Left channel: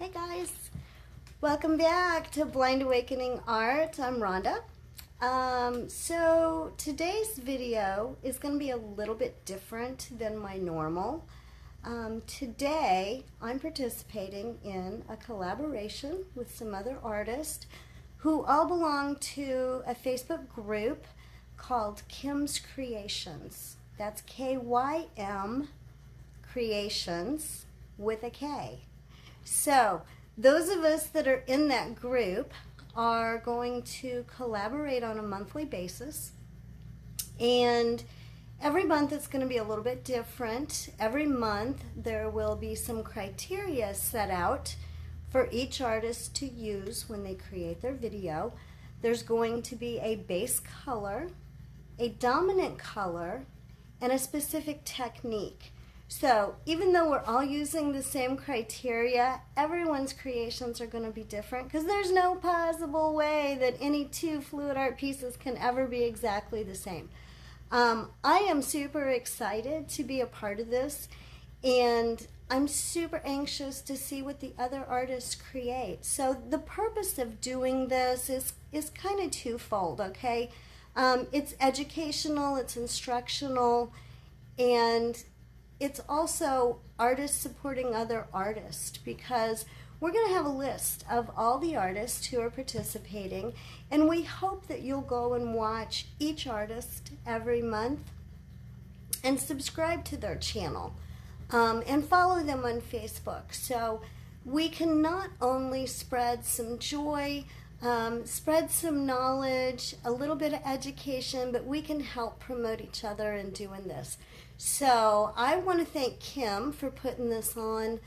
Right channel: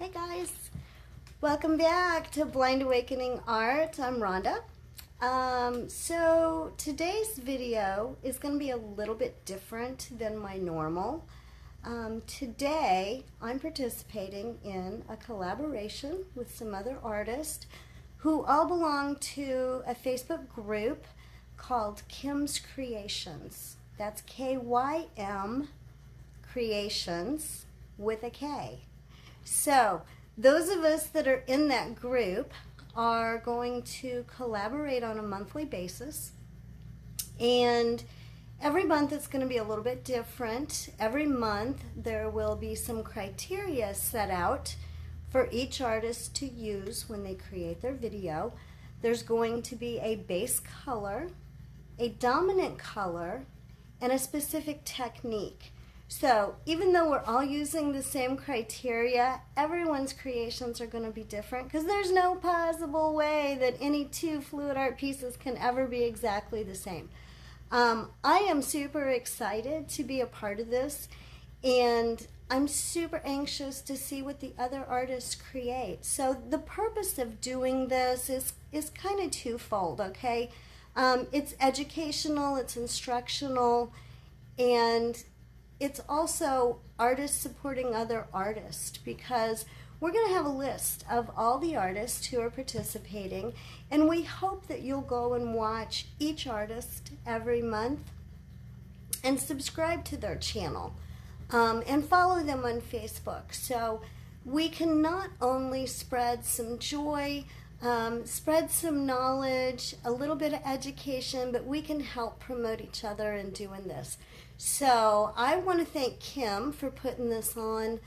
Hey guys, welcome back to Blind Awakening Art. I'm Rhonda. So today's video is going to be a little bit different than my normal. Today I'm participating in a collaboration with some other artists who all belong to a Facebook group called Kim's Creations. That's K-Y-M Creations with a K. So those of us that are in that group are going to collaborate on a monthly basis, and every month it's going to be a little bit different. Every month there will be some criteria set out for each artist to use when they create their video. There's going to be a base color, a dominant color, and a specific technique. So even though we're all using the same criteria, everyone's creations are going to be different because there's no possible way that any two fluid art pieces can ever be exactly the same. I am super excited to be a part of this, and I'm super anxious to see what the other artists create. So the purpose of doing this is kind of twofold, okay? It's educational, it's instructional, and it's also artists supporting other artists, because we're going to have a list of all the artists who are participating, and we hope that you'll go and watch each artist every month and subscribe to their channel and follow them on Facebook, so we can not only spread some joy, spread some knowledge, a little bit of education, but we can help promote each other in doing this. So I want to thank Kim for putting this on.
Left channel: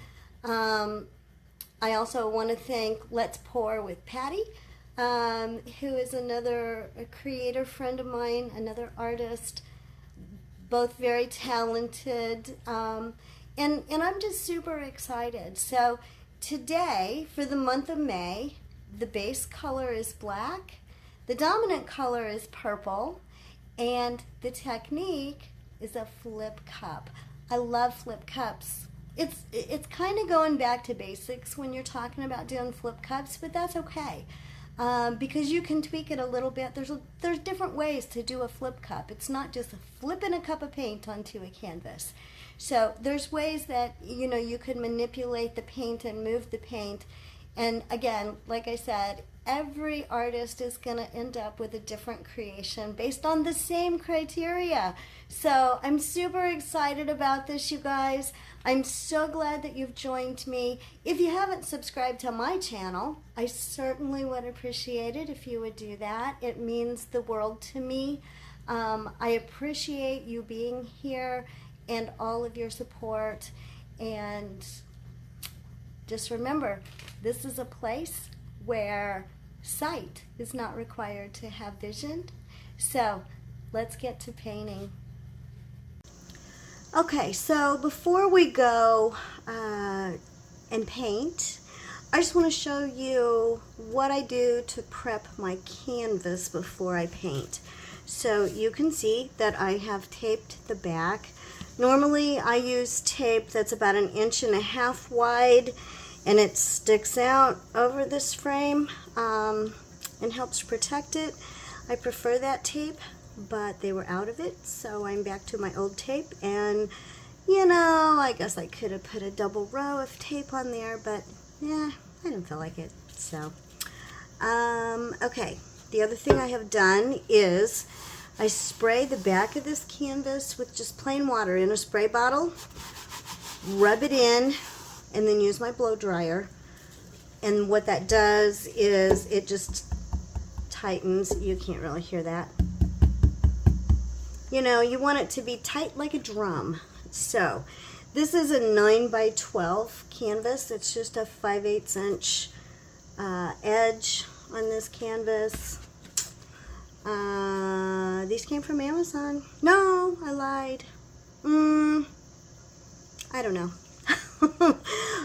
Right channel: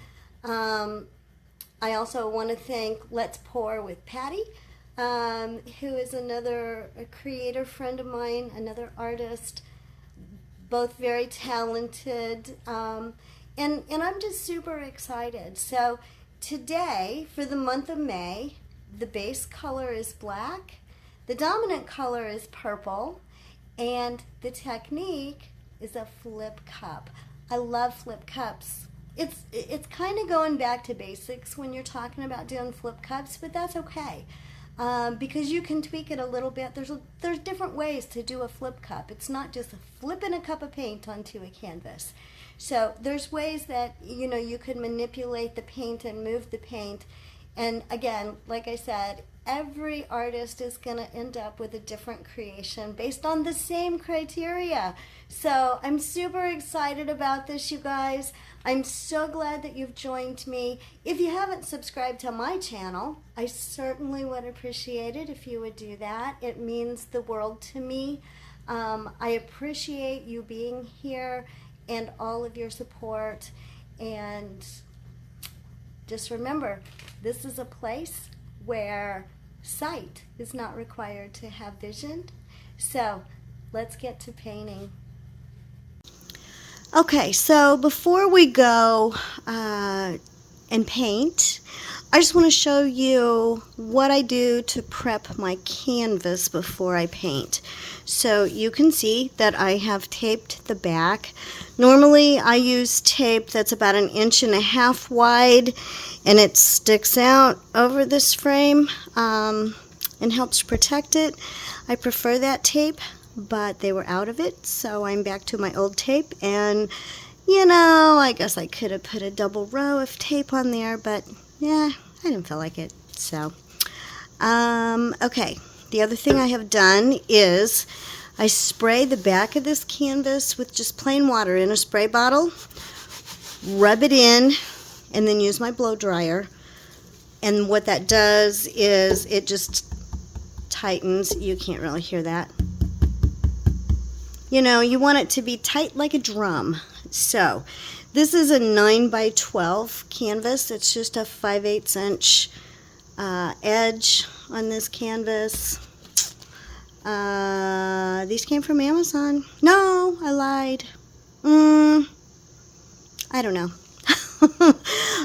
I also want to thank Let's Pour with Patty, who is another creator friend of mine, another artist, both very talented, and I'm just super excited. So today, for the month of May, the base color is black, the dominant color is purple, and the technique is a flip cup. I love flip cups. It's kind of going back to basics when you're talking about doing flip cups, but that's okay, because you can tweak it a little bit. There's different ways to do a flip cup. It's not just flipping a cup of paint onto a canvas. So there's ways that you can manipulate the paint and move the paint. And again, like I said, every artist is going to end up with a different creation based on the same criteria. So I'm super excited about this, you guys. I'm so glad that you've joined me. If you haven't subscribed to my channel, I certainly would appreciate it if you would do that. It means the world to me. I appreciate you being here and all of your support. And just remember, this is a place where sight is not required to have vision. So let's get to painting. Okay, so before we go and paint, I just want to show you what I do to prep my canvas before I paint. So you can see that I have taped the back. Normally I use tape that's about 1.5 inches wide, and it sticks out over this frame and helps protect it. I prefer that tape, but they were out of it, so I'm back to my old tape. And I guess I could have put a double row of tape on there, but yeah, I didn't feel like it. So okay, the other thing I have done is I spray the back of this canvas with just plain water in a spray bottle, rub it in, and then use my blow dryer. And what that does is it just tightens. You can't really hear that. You want it to be tight like a drum. So this is a 9x12 canvas. It's just a 5/8 inch edge on this canvas. These came from Amazon. No, I lied. I don't know.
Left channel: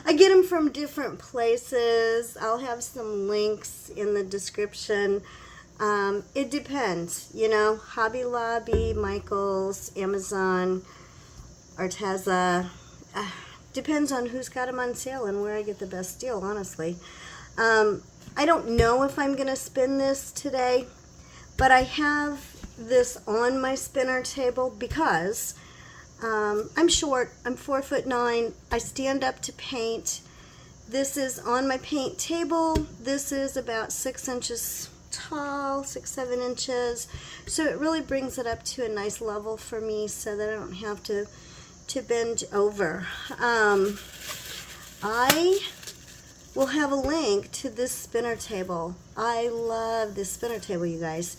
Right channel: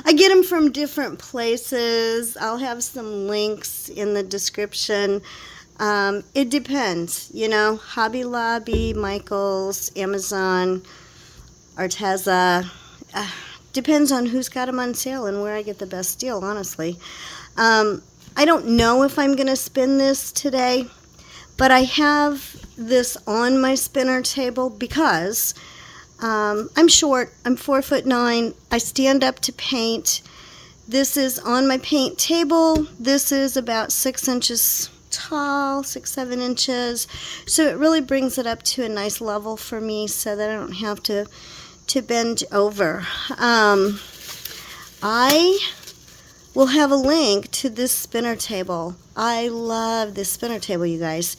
I get them from different places. I'll have some links in the description. It depends, Hobby Lobby, Michael's, Amazon, ARTEZA. depends on who's got them on sale and where I get the best deal, honestly. I don't know if I'm going to spin this today, but I have this on my spinner table because I'm short. I'm 4'9". I stand up to paint. This is on my paint table. This is about 6 inches tall, 6-7 inches. So it really brings it up to a nice level for me so that I don't have to bend over. I will have a link to this spinner table. I love this spinner table, you guys.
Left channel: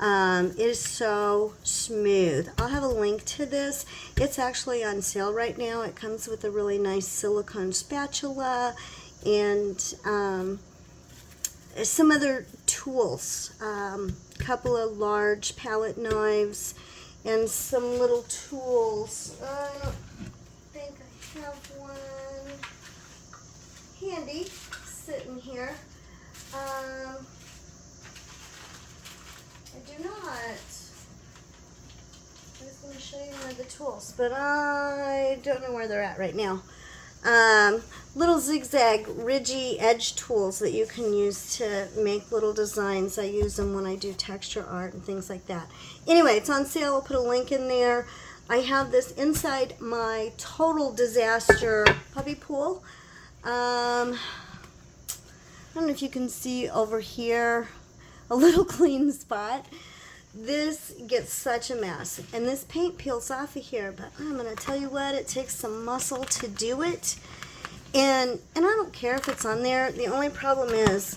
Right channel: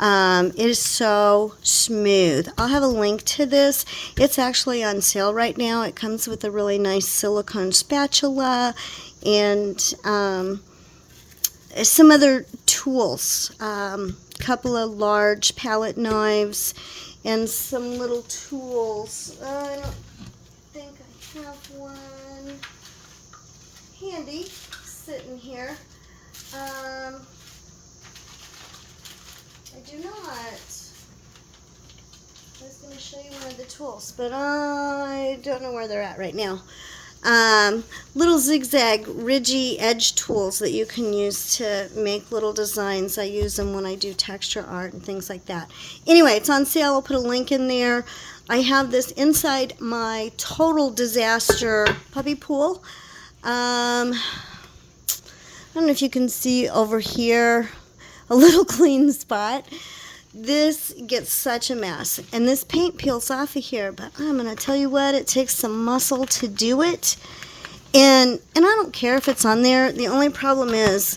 It is so smooth. I'll have a link to this. It's actually on sale right now. It comes with a really nice silicone spatula and some other tools. Couple of large palette knives and some little tools. I don't think I have one handy sitting here. I do not. I was going to show you one of the tools, but I don't know where they're at right now. Little zigzag, ridgy edge tools that you can use to make little designs. I use them when I do texture art and things like that. Anyway, it's on sale. I'll put a link in there. I have this inside my total disaster puppy pool. I don't know if you can see over here a little clean spot. This gets such a mess, and this paint peels off of here, but I'm going to tell you what, it takes some muscle to do it, and I don't care if it's on there. The only problem is,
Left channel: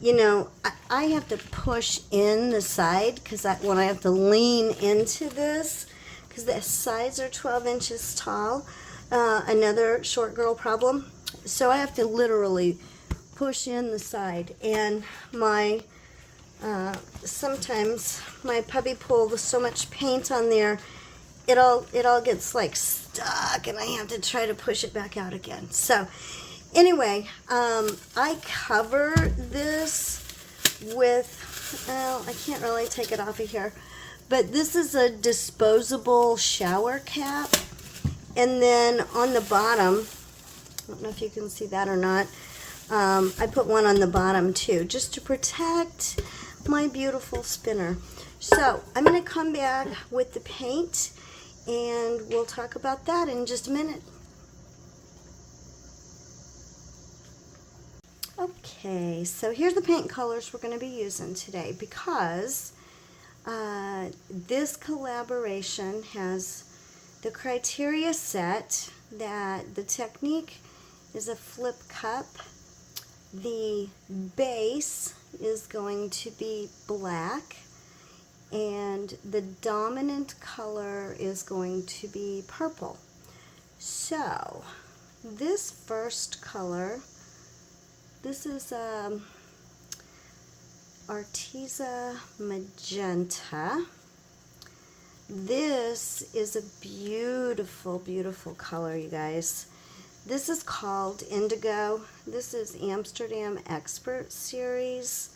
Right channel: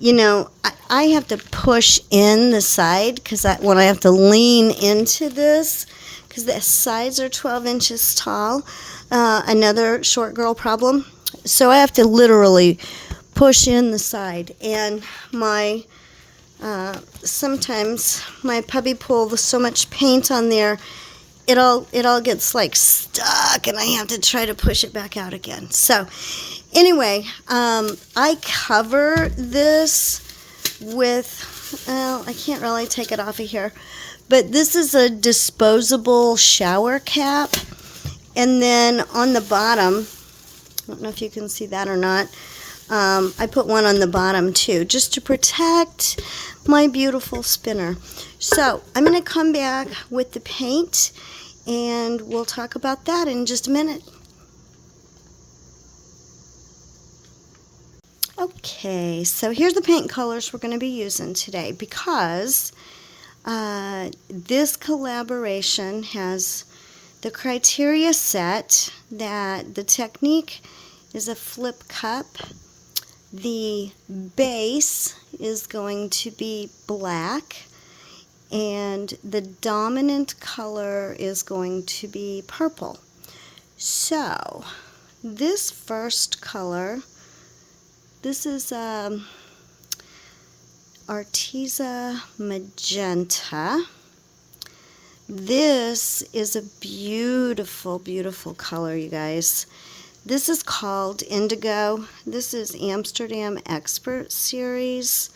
you know, I have to push in the side, because when I have to lean into this, because the sides are 12 inches tall, another short girl problem, so I have to literally push in the side, and my sometimes my puppy pool, with so much paint on there, it all gets like stuck, and I have to try to push it back out again. So anyway, I cover this with, well, I can't really take it off of here, but this is a disposable shower cap, and then on the bottom, I don't know if you can see that or not, I put one on the bottom too, just to protect my beautiful spinner. So I'm going to come back with the paint, and we'll talk about that in just a minute. Okay, so here's the paint colors we're going to be using today, because this collaboration has the criteria set that the technique is a flip cup. The base is going to be black, and the dominant color is going to be purple. So this first color, this is ARTEZA Magenta. This is a beautiful, beautiful color, you guys. This is called Indigo. This is Amsterdam Expert Series.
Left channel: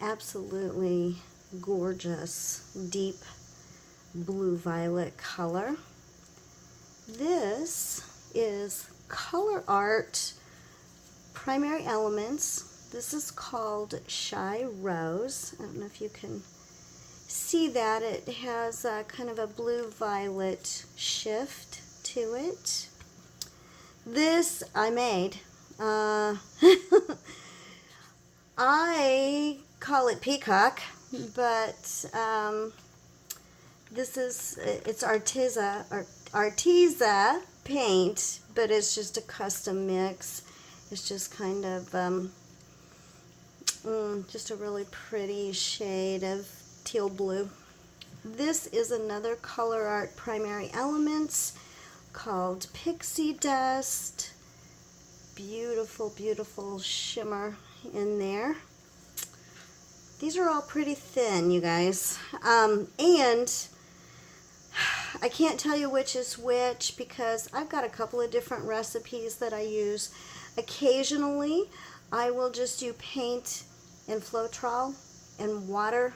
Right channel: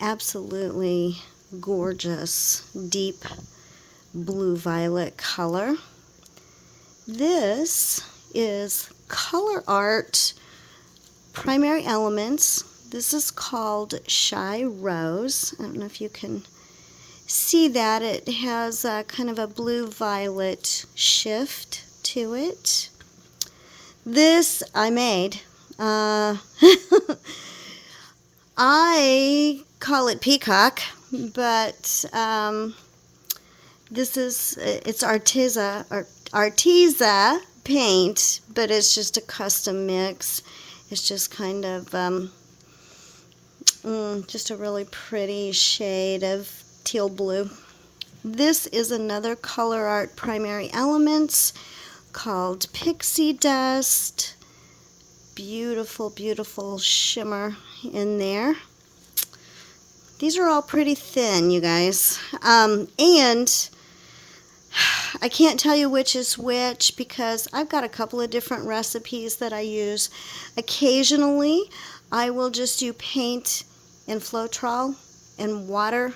Absolutely gorgeous, deep blue-violet color. This is Color Art Primary Elements. This is called Shy Rose. I don't know if you can see that. It has kind of a blue-violet shift to it. This I made. I call it Peacock, but this is, it's ARTEZA paint, but it's just a custom mix. It's just kind of just a really pretty shade of teal blue. This is another Color Art Primary Elements called Pixie Dust. Beautiful, beautiful shimmer in there. These are all pretty thin, you guys. And I can't tell you which is which because I've got a couple of different recipes that I use. Occasionally, I will just do paint and FLOETROL and water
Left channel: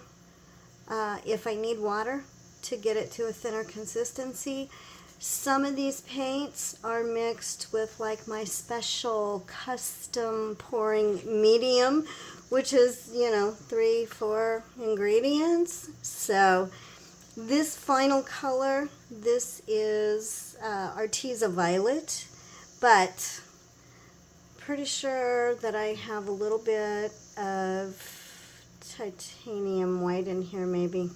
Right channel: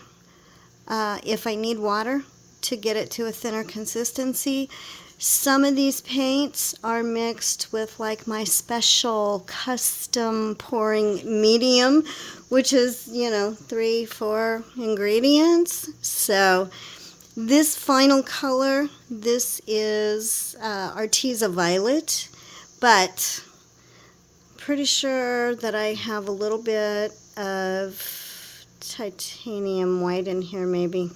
if I need water to get it to a thinner consistency. Some of these paints are mixed with like my special custom pouring medium, which is, you know, 3-4 ingredients. So this final color, this is ARTEZA Violet, but pretty sure that I have a little bit of titanium white in here maybe,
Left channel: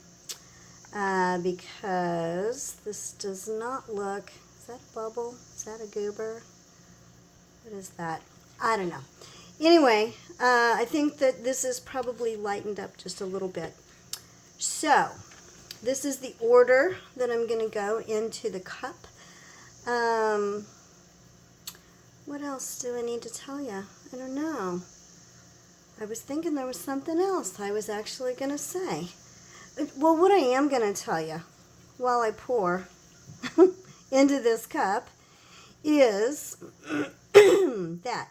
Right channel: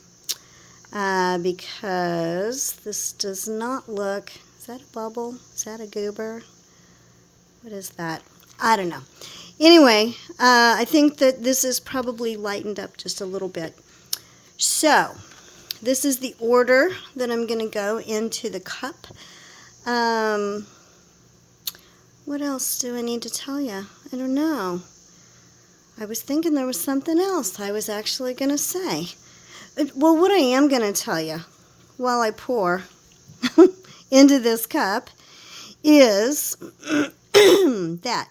because this does not look, is that a bubble? Is that a goober? What is that? I don't know. Anyway, I think that this is probably lightened up just a little bit. So this is the order that I'm going to go into the cup. What else do I need to tell you? I don't know. I was thinking there was something else I was actually going to say. Well, what I am going to tell you while I pour into this cup is that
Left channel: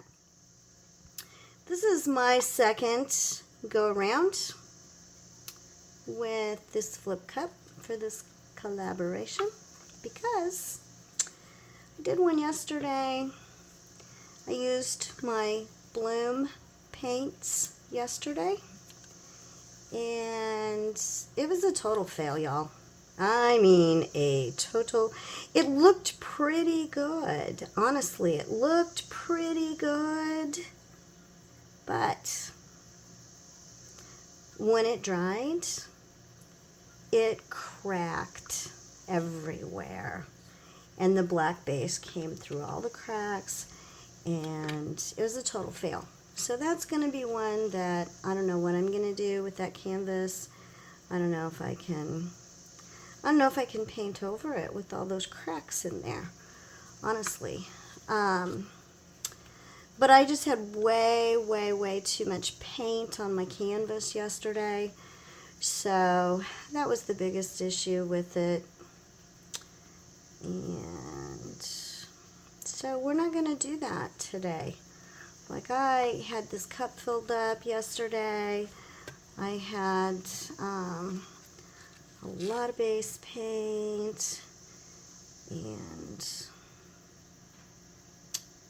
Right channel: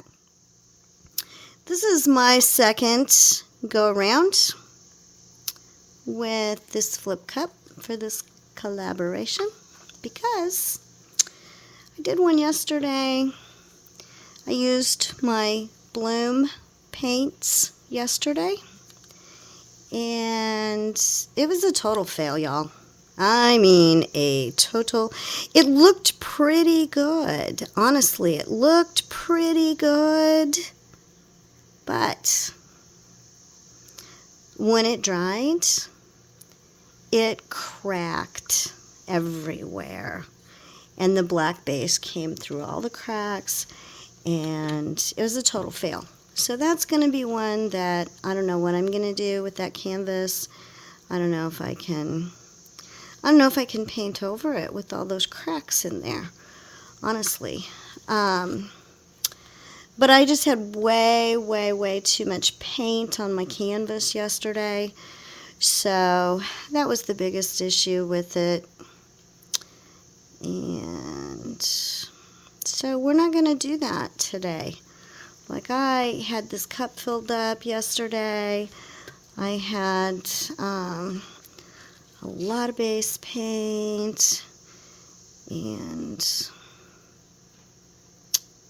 this is my second go around with this flip cup for this collaboration, because I did one yesterday. I used my Bloom paints yesterday, and it was a total fail, y'all. I mean, a total. It looked pretty good. Honestly, it looked pretty good. But when it dried, it cracked everywhere. And the black base came through all the cracks, and it was a total fail. So that's going to be one that I don't know what I'm going to do with that canvas. I don't know if I can paint over it with all those cracks in there, honestly. But I just had way too much paint on my canvas yesterday. So that was the biggest issue with it. And so we're not going to do that today. Like, I had this cup filled up yesterday. I had a lot of base paint, and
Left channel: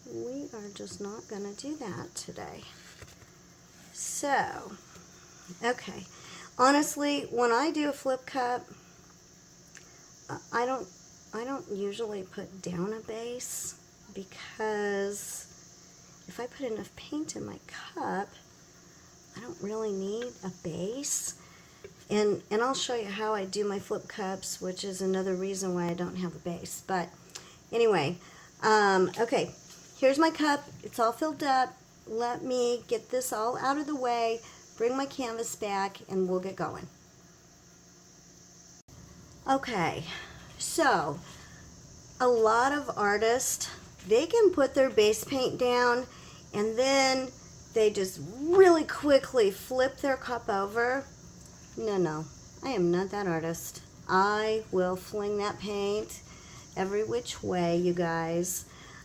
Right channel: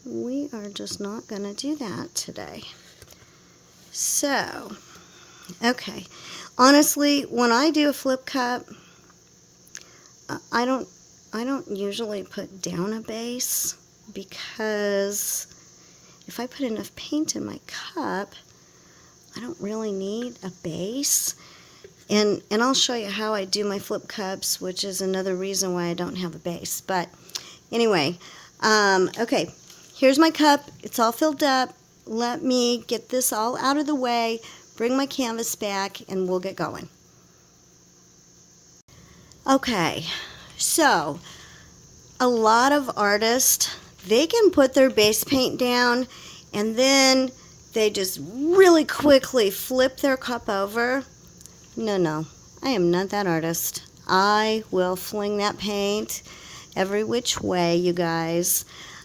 we are just not going to do that today. So, okay. Honestly, when I do a flip cup, I don't usually put down a base, because if I put enough paint in my cup, I don't really need a base. And I'll show you how I do my flip cups, which is another reason why I don't have a base. But anyway, okay, here's my cup. It's all filled up. Let me get this all out of the way, bring my canvas back, and we'll get going. Okay, so a lot of artists, they can put their base paint down and then they just really quickly flip their cup over. No, I am not that artist. I will fling that paint every which way, you guys.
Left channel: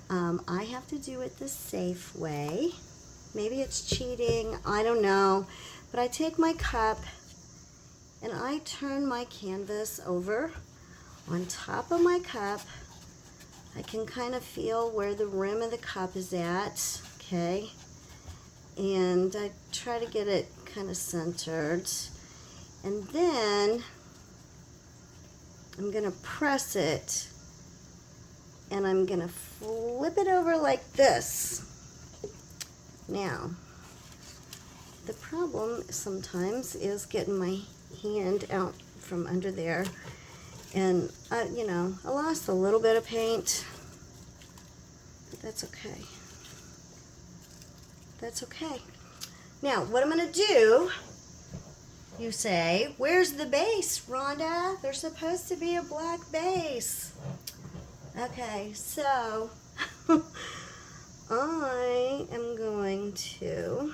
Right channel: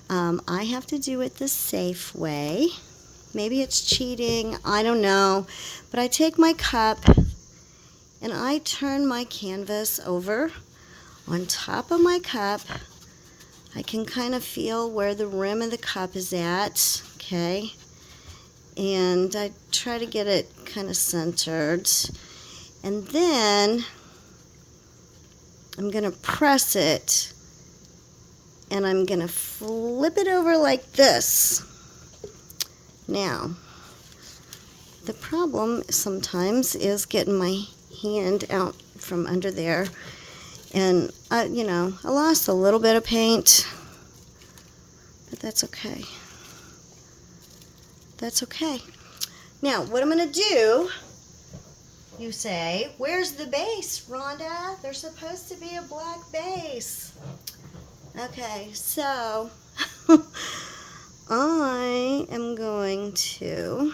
I have to do it the safe way. Maybe it's cheating, I don't know. But I take my cup and I turn my canvas over on top of my cup. I can kind of feel where the rim of the cup is at, okay? And I try to get it kind of centered. And then I'm going to press it, and I'm going to flip it over like this. Now, the problem sometimes is getting my hand out from under there. And, I lost a little bit of paint, but that's okay. That's okay. Now, what I'm going to do, you say, where's the base, Rhonda? There's supposed to be a black base. Okay, so I am going to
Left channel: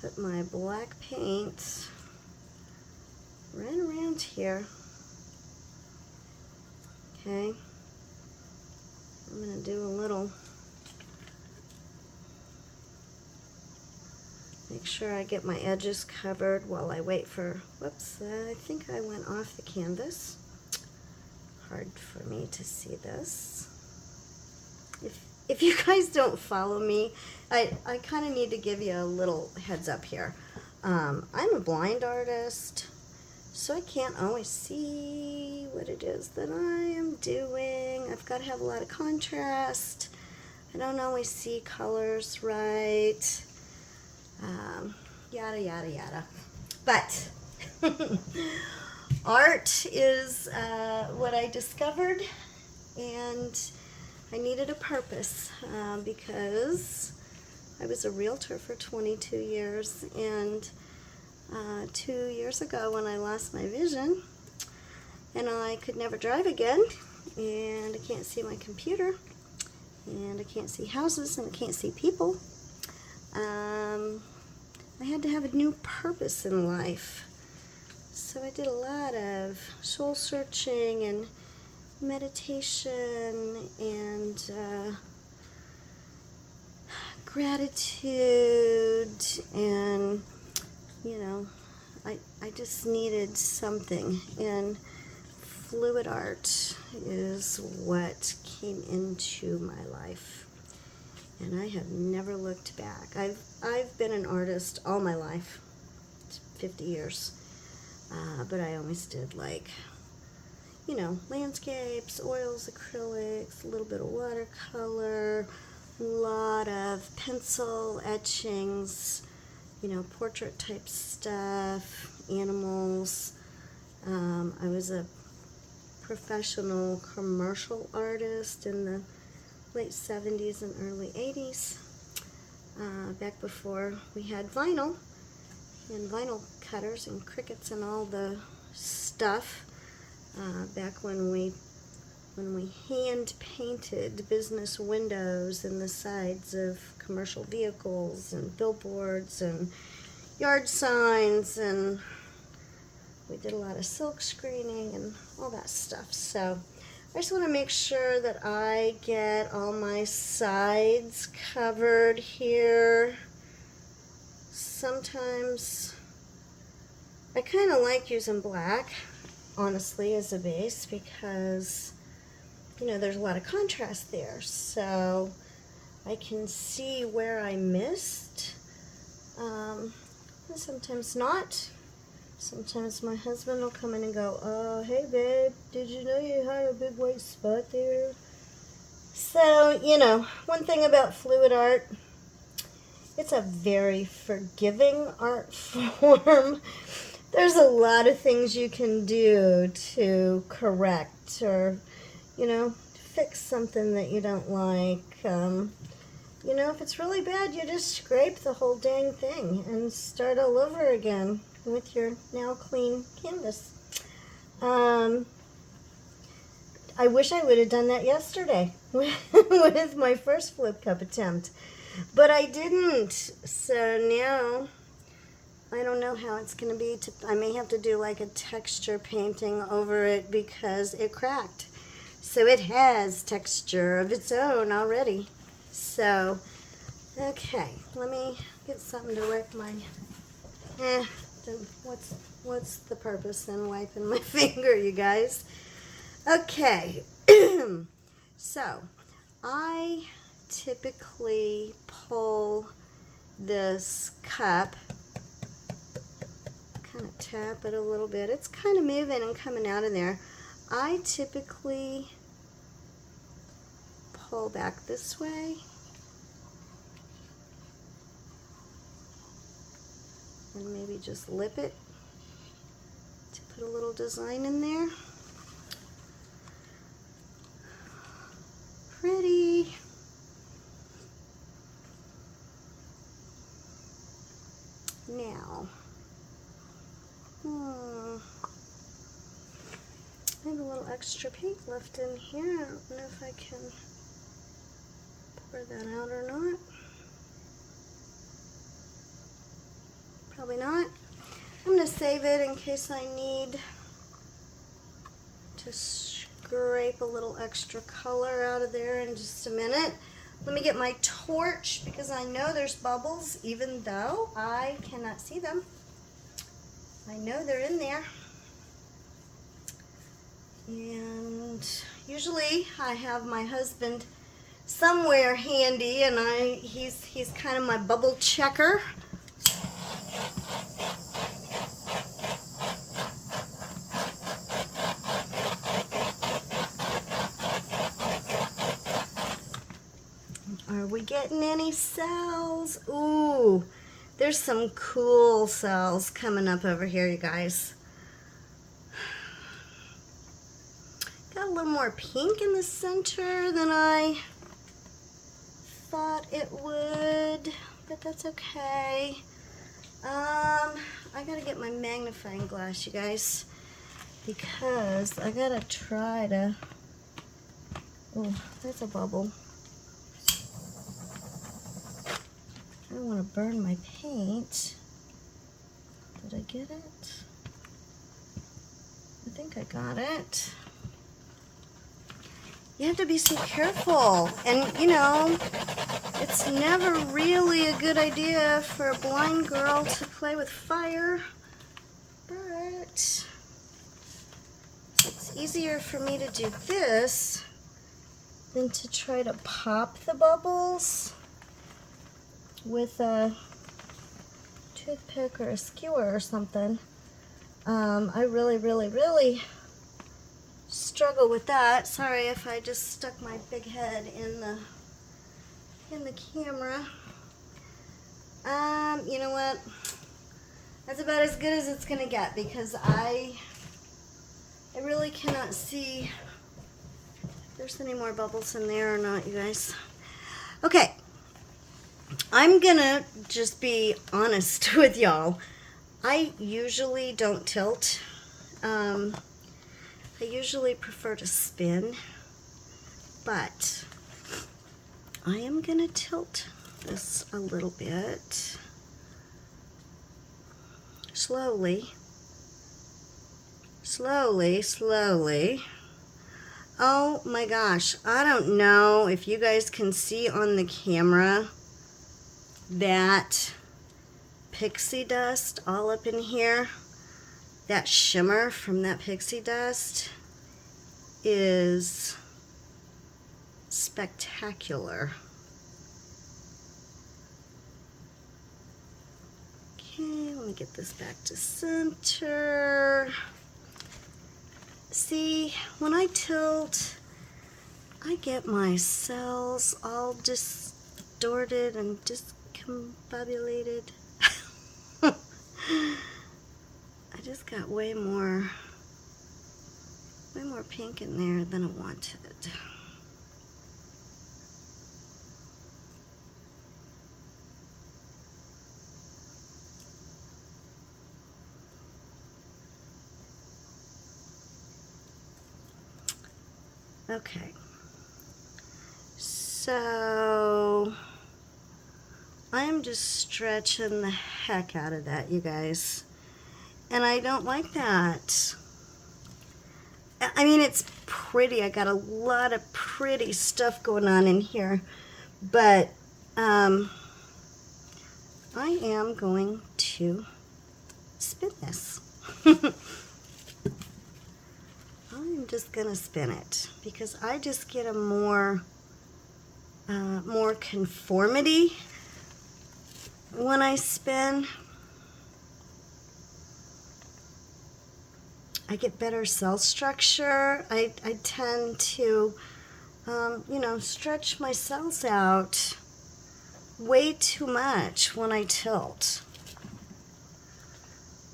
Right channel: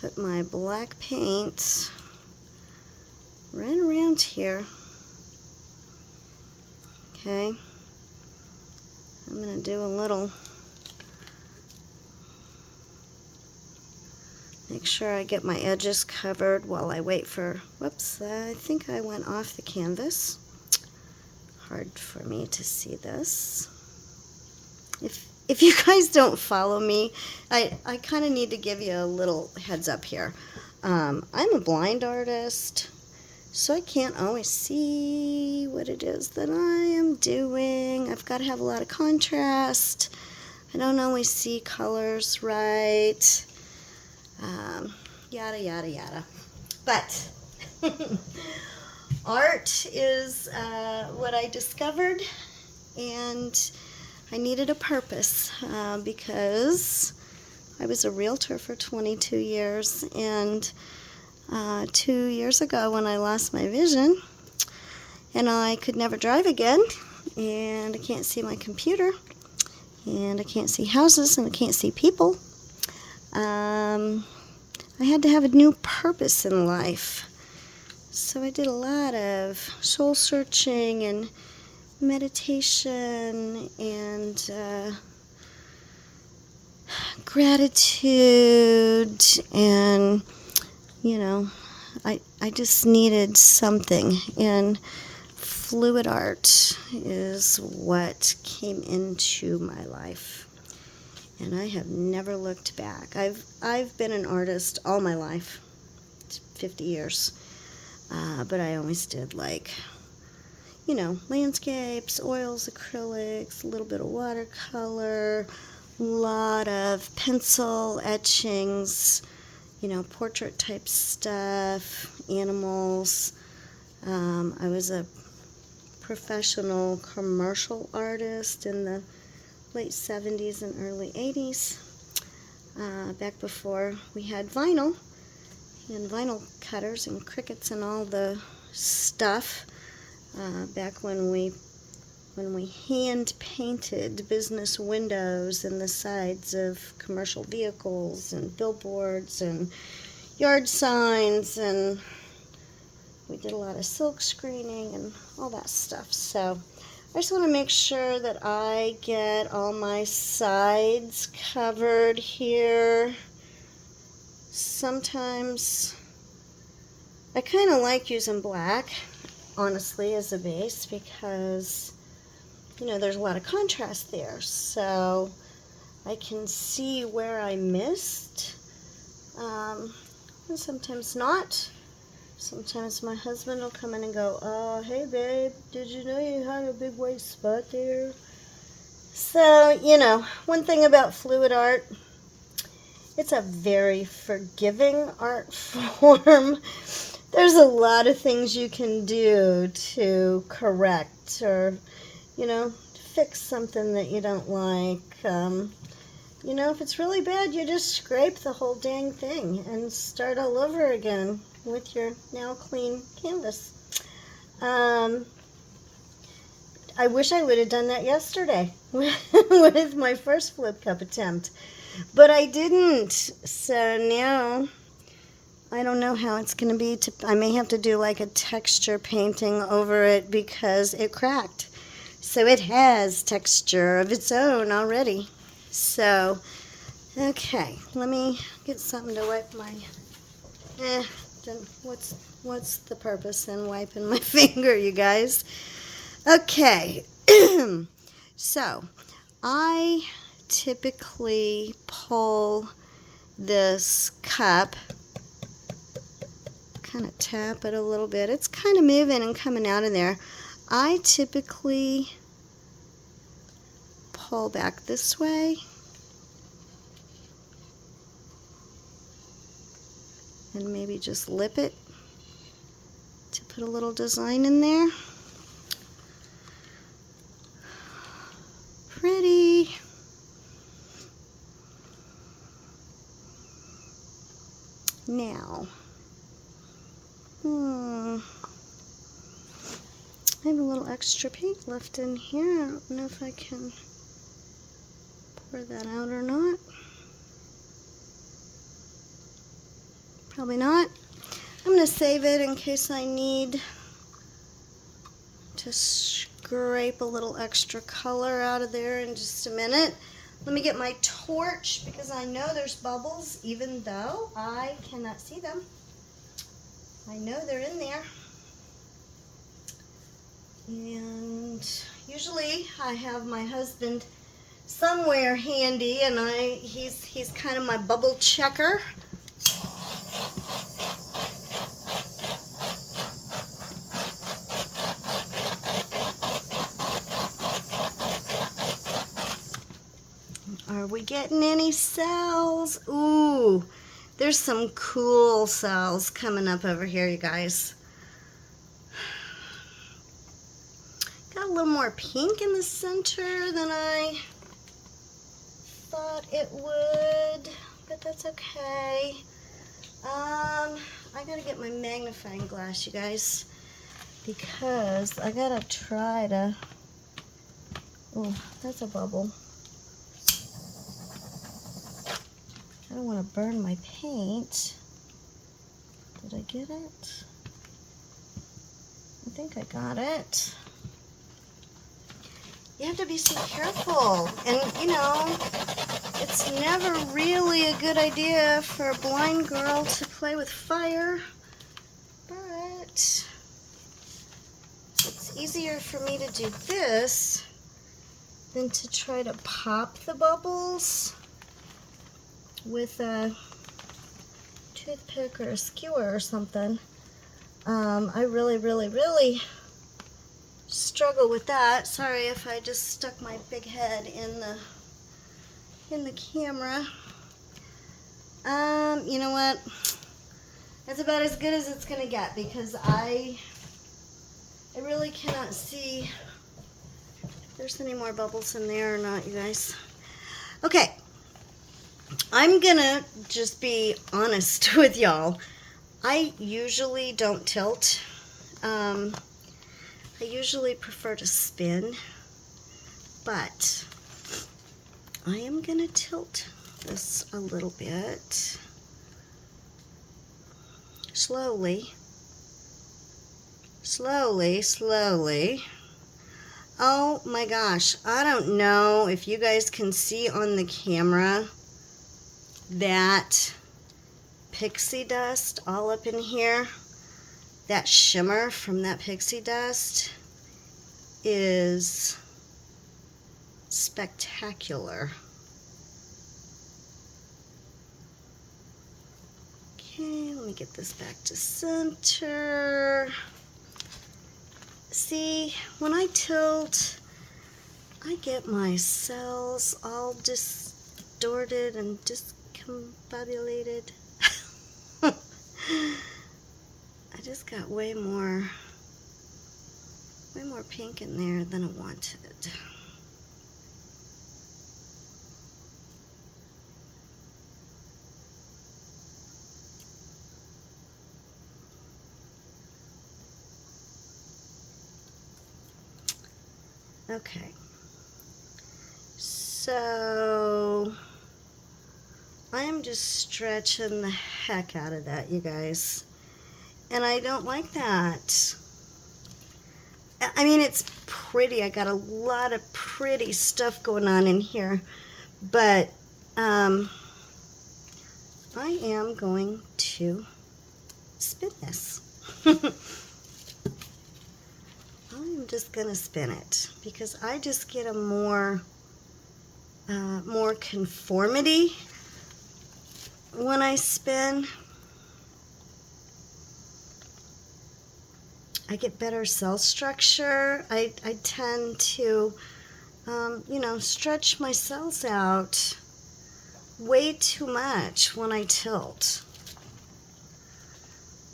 put my black paint right around here. Okay, I'm going to do a little, make sure I get my edges covered while I wait for, whoops, I think I went off the canvas. hard for me to see this. If you guys don't follow me, I kind of need to give you a little heads up here. I'm a blind artist, so I can't always see what it is that I am doing. I've got to have a lot of contrast. I don't always see colors right. Yada, yada, yada. But art is what I discovered, and I needed a purpose because I was a realtor for 22 years, and 2 years ago when I lost my vision and I could never drive again, and I can't see my computer, and I can't see houses, and I can't see people, I had to have a new purpose in life. So I did a lot of soul searching and meditation and gratitude, and you know, I just needed something, and fluid art is what came into my life, and I have never looked back. I've been an artist all my life, 50 years, but I always did, like, you know, landscapes, oils, acrylics, a little bit of watercolor, a lot of pencil etchings, you know, portrait type stuff, animals. I was a professional commercial artist in the late 70s and early 80s, back before we had vinyl and vinyl cutters and crickets and all the stuff, back when we hand painted business windows in the sides of commercial vehicles and billboards and yard signs, and we did a lot of silk screening and all that stuff. So I just want to make sure that I get all my sides covered here. Sometimes I kind of like using black, honestly, as a base, because, you know, there's a lot of contrast there, so I can see where I missed, and sometimes not. Sometimes my husband will come in and go, hey babe, did you know you had a big white spot there? So, you know, one thing about fluid art, it's a very forgiving art form. There's a lot of things you can do to correct or, you know, fix something that you don't like. You know, if it's really bad, you just scrape the whole dang thing and start all over again with your now clean canvas. I wish I would have done that yesterday with my first flip cup attempt, but I didn't. So now I don't know how it's going to be. I may have to do like a texture painting over it because it cracked. So it has texture of its own already. So, okay, let me get something to wipe my, what's the purpose in wiping my finger, you guys? Okay, so I typically pull this cup, kind of tap it a little bit. It's kind of moving and coming out of there. I typically pull back this way and maybe just lip it to put a little design in there. Pretty. Now, I have a little extra paint left in here. I don't know if I can pour that out or not. Probably not. I'm going to save it in case I need to scrape a little extra color out of there in just a minute. Let me get my torch because I know there's bubbles even though I cannot see them. I know they're in there. And usually I have my husband somewhere handy, and he's kind of my bubble checker. Are we getting any cells? Ooh, there's some cool cells coming up over here, you guys. Got a little more pink in the center than I thought it would, but that's okay. I gotta get my magnifying glass, you guys, because I gotta try to, oh, that's a bubble. I don't want to burn my paint. Did I get it? I think I got it. You have to be so careful, and you know, it's never really a good idea for a blind girl to play with fire, but it's easier for me to do this than to try to pop the bubbles with a toothpick or a skewer or something. I really struggle with that. Sorry if I just stuck my big head in the camera. You know what? That's about as good as it's gonna get, because I really cannot see if there's any more bubbles in there or not, you guys. Okay. I'm gonna just be honest with y'all. I usually don't tilt. I usually prefer to spin, but I am gonna tilt this a little bit. Slowly. Oh my gosh, I don't know if you guys can see on the camera that pixie dust all up in here. That shimmer from that pixie dust is spectacular. Okay, let me get this back to center. See, when I tilt, I get my cells all distorted and discombobulated. I just got way more pink in there than I wanted. Okay, so I am just stretching the heck out of that, you guys. And I don't like that. I mean, it's pretty. I got a lot of pretty stuff going on in here. But I am going to spin this. I'm just going to spin it because I just get a more conformity when I spin. I get better cell structure. I tend to, you know, stretch my cells out way too much when I tilt.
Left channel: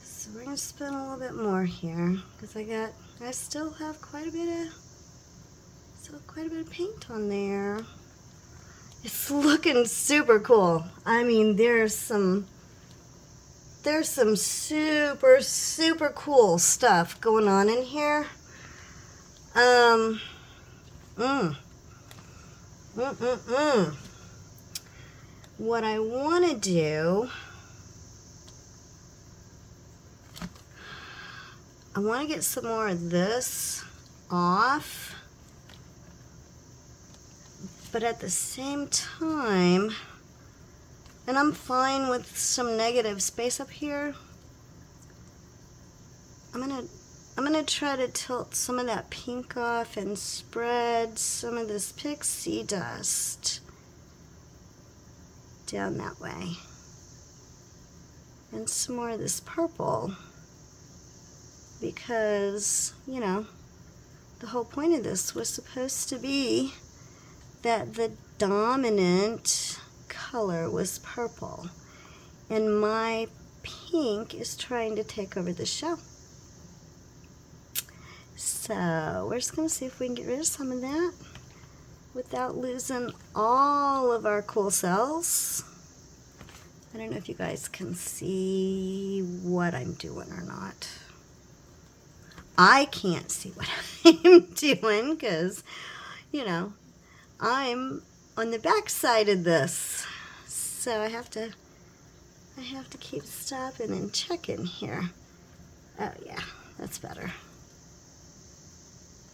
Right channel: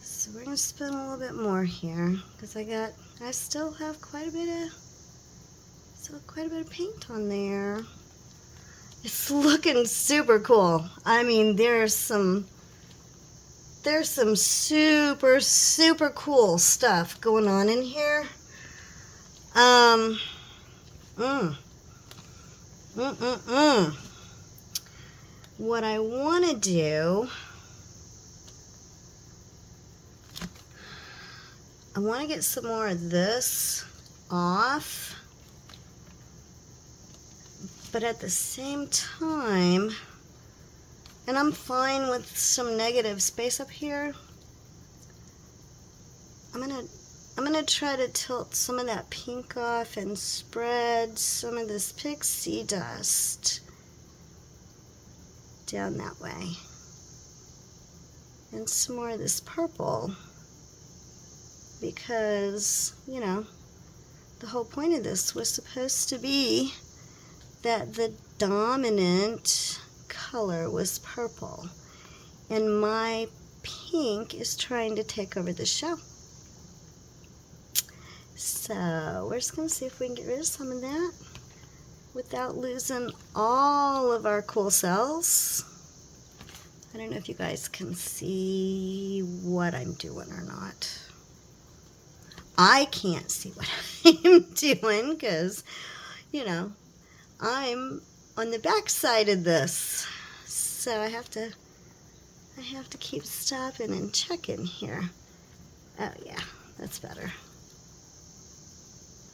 So we're going to spin a little bit more here because I still have quite a bit of paint on there. It's looking super cool. I mean, there's some super cool stuff going on in here. What I want to do, I want to get some more of this off, but at the same time, and I'm fine with some negative space up here, I'm I'm going to try to tilt some of that pink off and spread some of this pixie dust down that way. And some more of this purple, because, you know, the whole point of this was supposed to be that the dominant color was purple, and my pink is trying to take over the show. So we're just going to see if we can get rid of some of that without losing all of our cool cells. I don't know if you guys can see what I'm doing or not. I can't see what I'm doing because, you know, I'm on the back side of this. So I have to keep stopping and checking here. Oh yeah, that's better.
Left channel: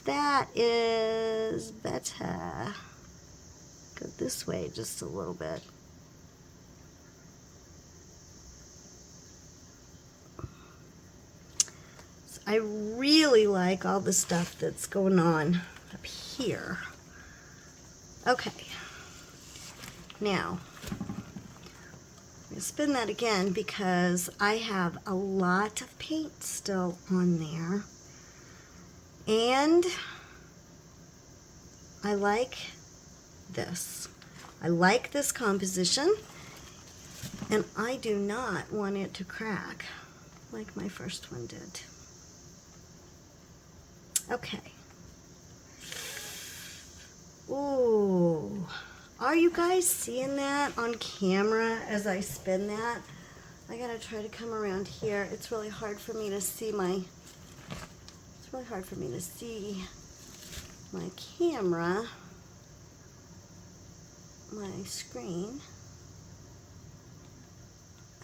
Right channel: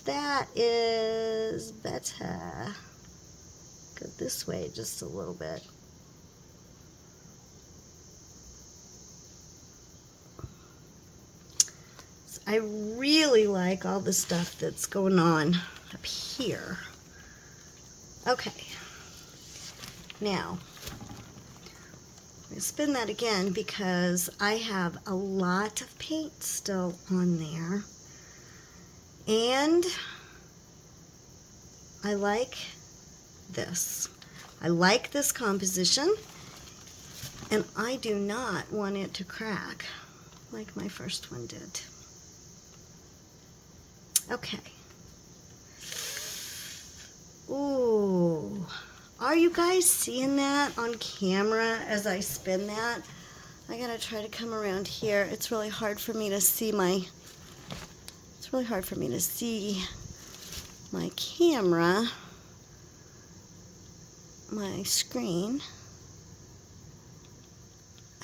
That is better. Go this way just a little bit. So I really like all the stuff that's going on up here. Okay. Now, I'm going to spin that again because I have a lot of paint still on there. And I like this. I like this composition, and I do not want it to crack like my first one did. Okay. Ooh. Are you guys seeing that on camera as I spin that? I gotta try to come around here. It's really hard for me to see my camera, my screen.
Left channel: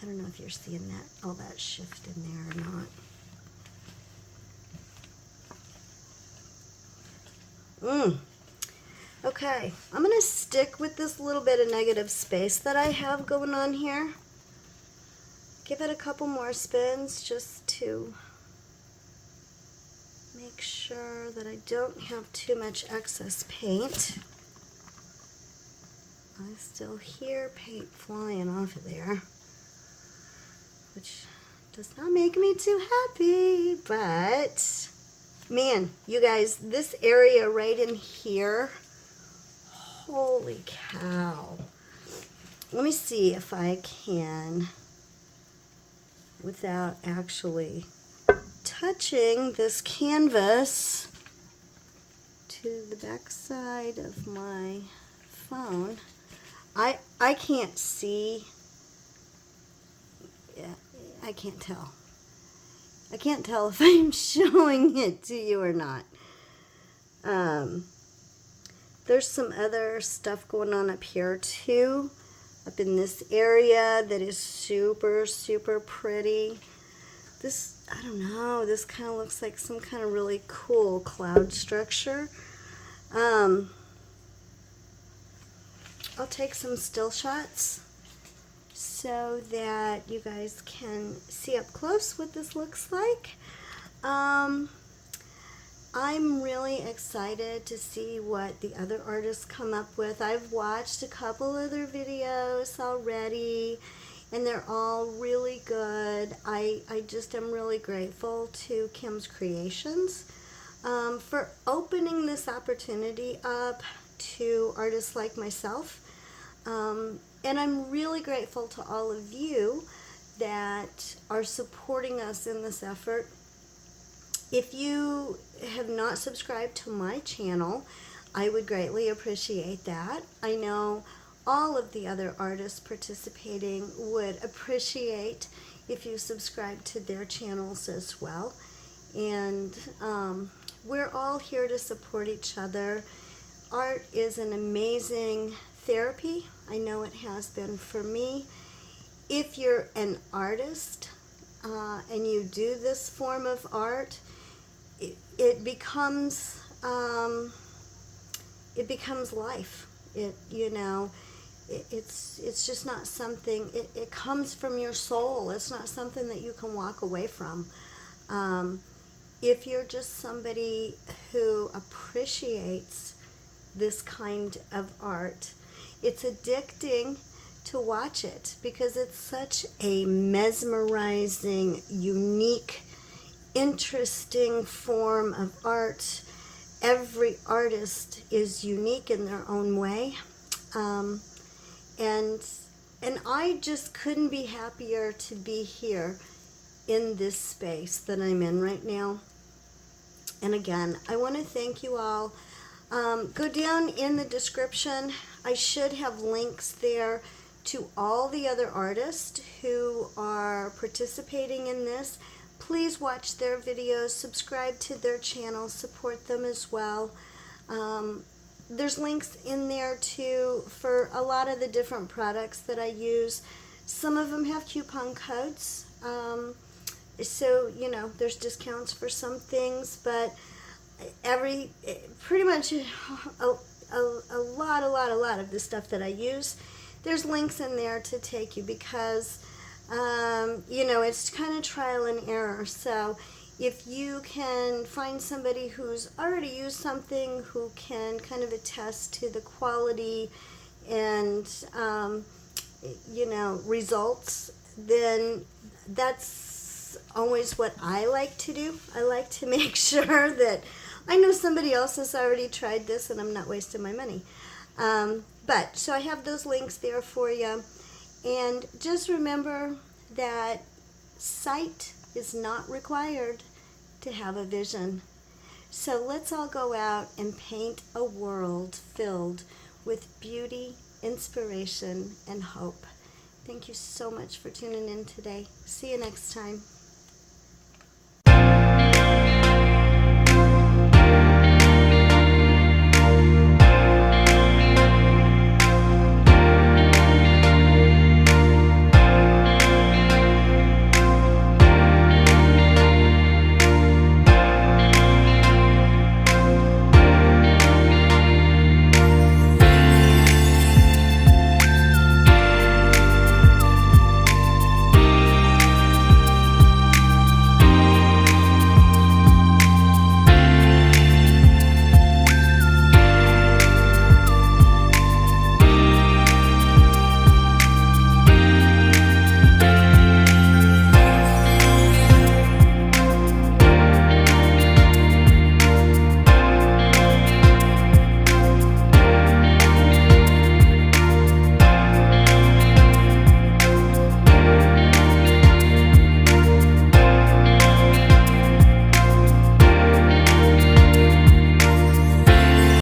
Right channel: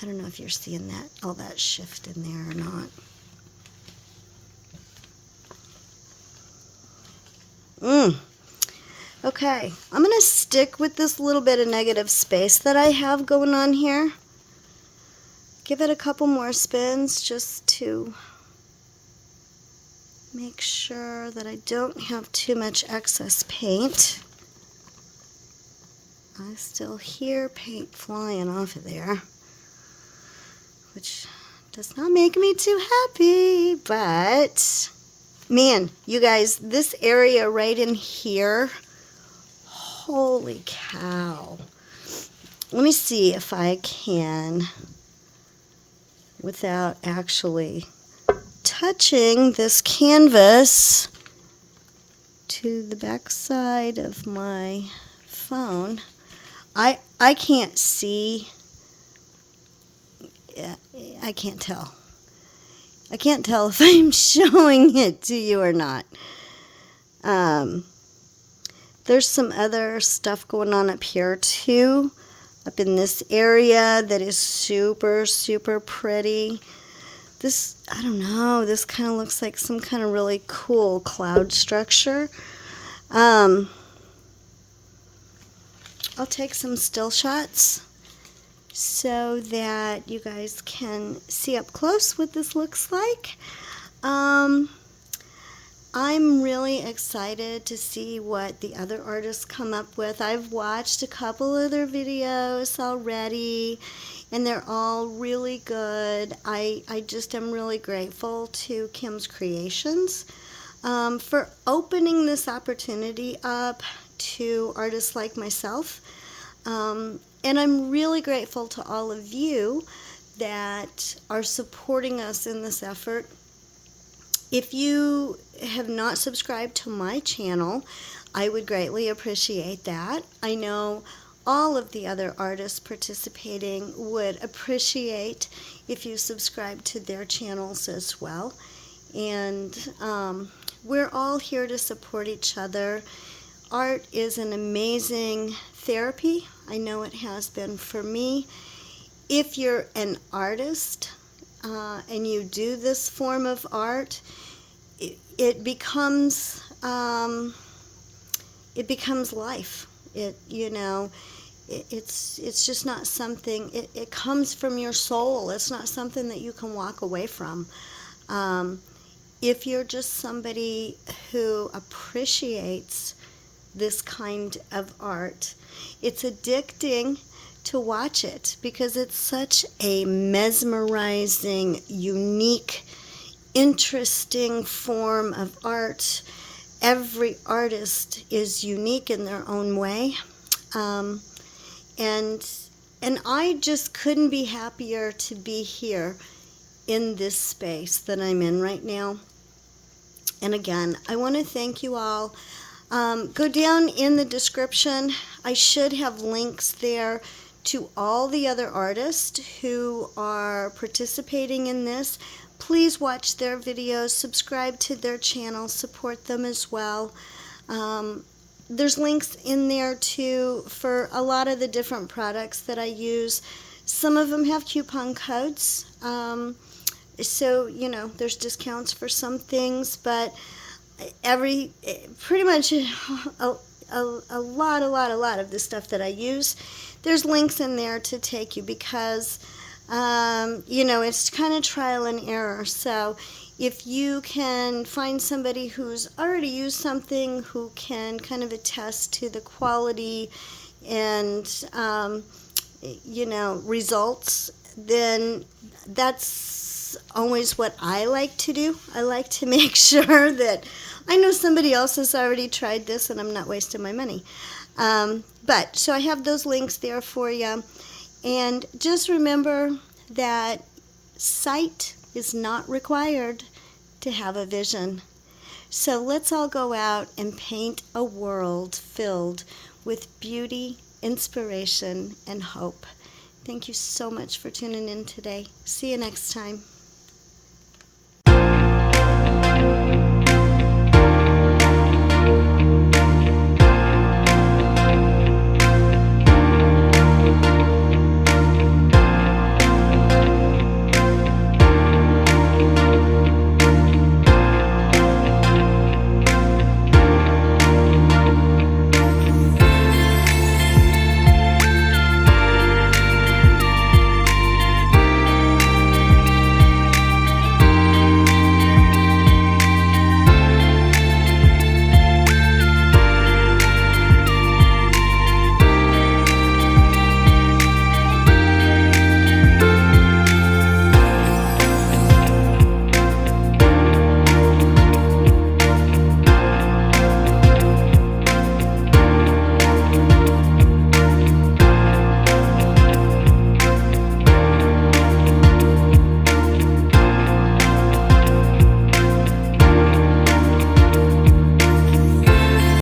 I don't know if you're seeing that, all that shift in there or not. Okay, I'm going to stick with this little bit of negative space that I have going on here. Give it a couple more spins just to make sure that I don't have too much excess paint. I still hear paint flying off of there, which does not make me too happy, but man, you guys, this area right in here, holy cow. Let me see if I can, without actually touching this canvas to the back side of my phone. I can't see. Yeah, I can't tell. I can't tell if I'm showing it to you or not. There's some other stuff going on up here too, up in this area that is super, super pretty. This, I don't know, this kind of looks like some kind of really cool cloud structure. I'll take some still shots so that you guys can see up close what this looks like. I'm really excited to see what the other artists come up with. I've watched a couple of their videos already, and they're all really good. I just am really grateful to Kim's Creations for opening this opportunity up to artists like myself. And I'm really grateful to all of you that are supporting us in this effort. If you have not subscribed to my channel, I would greatly appreciate that. I know all of the other artists participating would appreciate if you subscribe to their channels as well. And we're all here to support each other. Art is an amazing therapy. I know it has been for me. If you're an artist and you do this form of art, it becomes life. It's just not something. It comes from your soul. It's not something that you can walk away from. if you're just somebody who appreciates this kind of art, it's addicting to watch it because it's such a mesmerizing, unique, interesting form of art. Every artist is unique in their own way. And I just couldn't be happier to be here in this space that I'm in right now. And again, I want to thank you all. Go down in the description. I should have links there to all the other artists who are participating in this. Please watch their videos, subscribe to their channel, support them as well. There's links in there too for a lot of the different products that I use. Some of them have coupon codes, so you know there's discounts for some things, but pretty much a lot of the stuff that I use, there's links in there to take you because you know, it's kind of trial and error. So if you can find somebody who's already used something, who can kind of attest to the quality and you know, results, then that's always what I like to do. I like to make sure that I know somebody else has already tried this and I'm not wasting my money. But so I have those links there for you. And just remember that sight is not required to have a vision. So let's all go out and paint a world filled with beauty, inspiration, and hope. Thank you so much for tuning in today. See you next time.